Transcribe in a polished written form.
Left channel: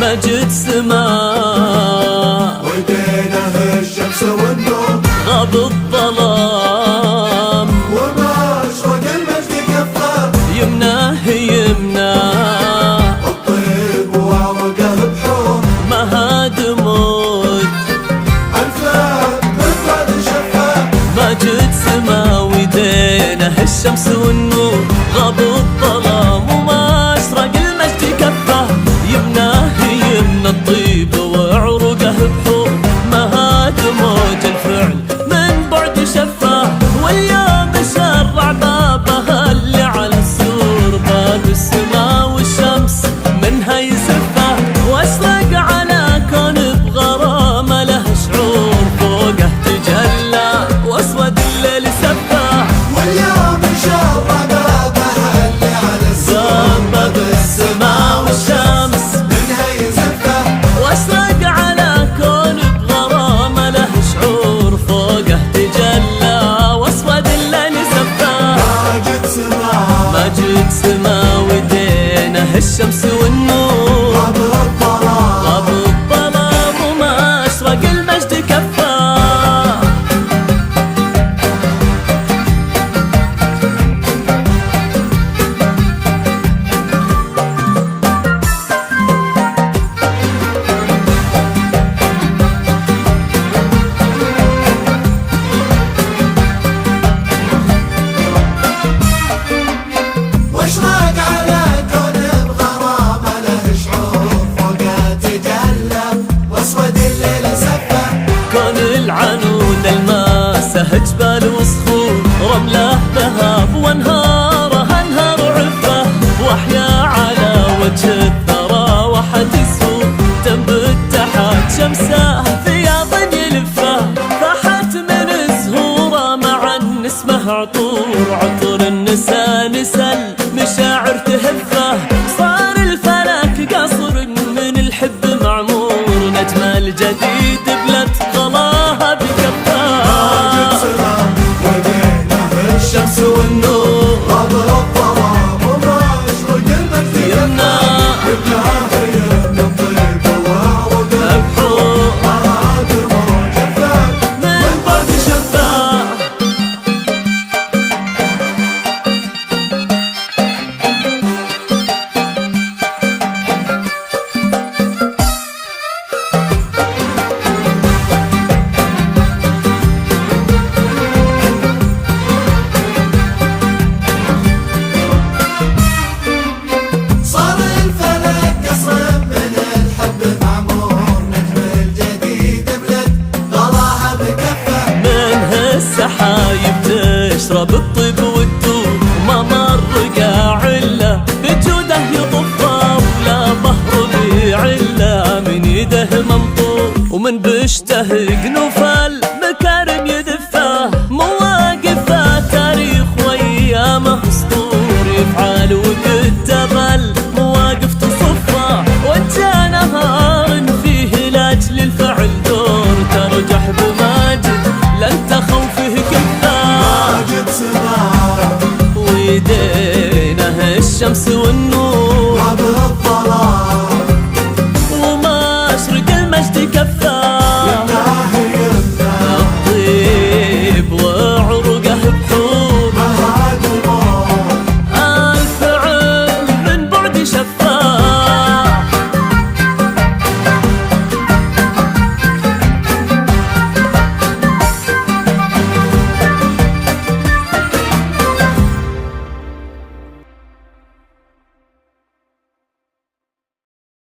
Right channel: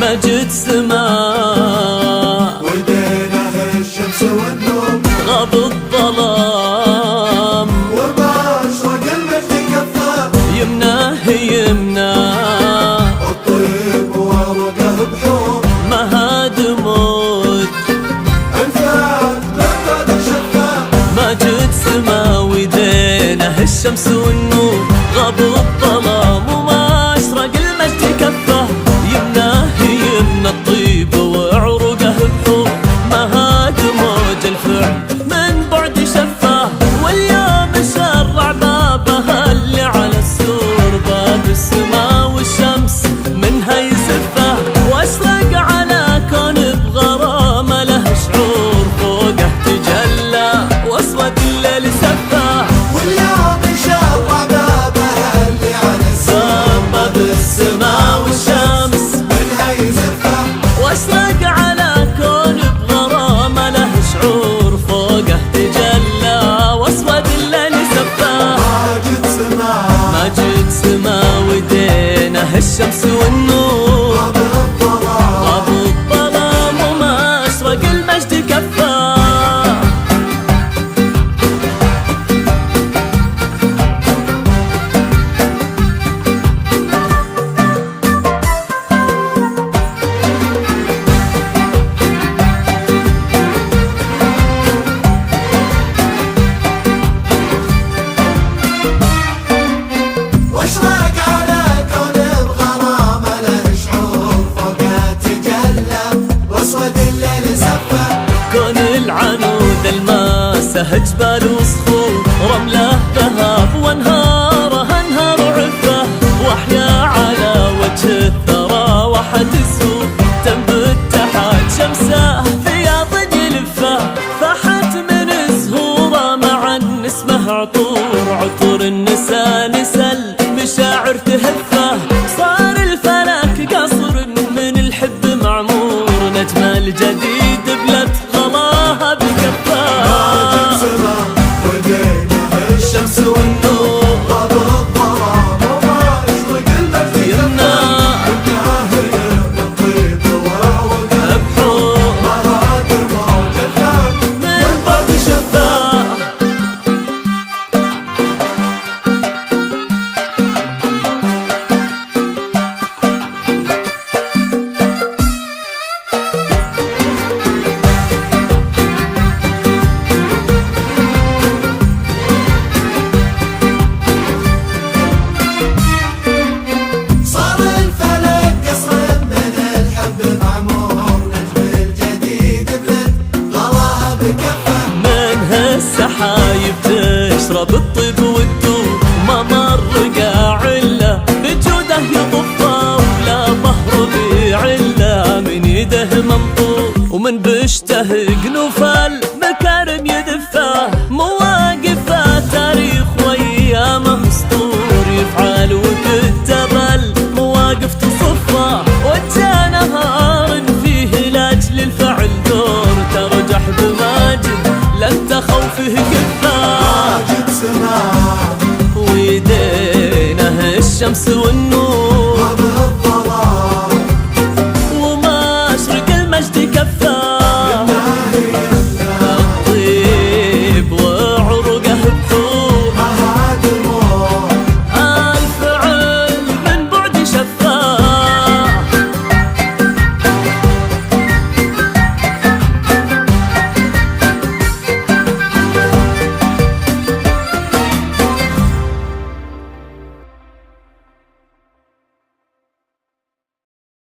مجد سماء ودينه الشمس والنور غاب الظلام وما أشرق المجد كفه يمناه يمناه الطيب وعرقه بحور مهاد موت مجد سما ودينه الشمس والنور غاب الظلام وما أشرق المجد كفه يمناه يمنى الطيب وعروقه بحور مهاد موج الفعل من بعد شفاه واليوم شرع بابها اللي على السور باب السما والشمس منها يسفه واشرق على كون بغرامه له شعور فوقه تجلى واسود الليل سفاه واليوم شرع بابها اللي على السور باب السما والشمس منها يزفه واشرق على كون بغرامه له شعور فوقه تجلى واسود الليل سفاه مجد سما ودينه الشمس والنور غاب الظلام وما أشرق المجد كفاه كون العنود الماسه جبال وصخور رمله ذهب وانهاره انهار عفه واحيا على وجه الثرى وحد السوق تنبت تحت شمسه فياض يلفه فحت من زهوره مع اسمه عطور عطور النسا نسل مشاعر تهفه صار الفلك قصر من الحب معمور نجم الجديد بلت غلاها بكفاه الشمس والنور يمنى بحور من بعد شفاه السحايب تشرب الطيب والدور ما مر قاع الا بجوده يطفه ولا بهر بعله من يده منطور ومن بشته قنوف المكارم يدفه مواقفه تاريخ وايامه اسطور يفعل وكتب المواقف تصفه وجه نهار فيه لاجل الفعل دور ترجح بماجد لن تخوفه كفاه ويدينه الشمس والنور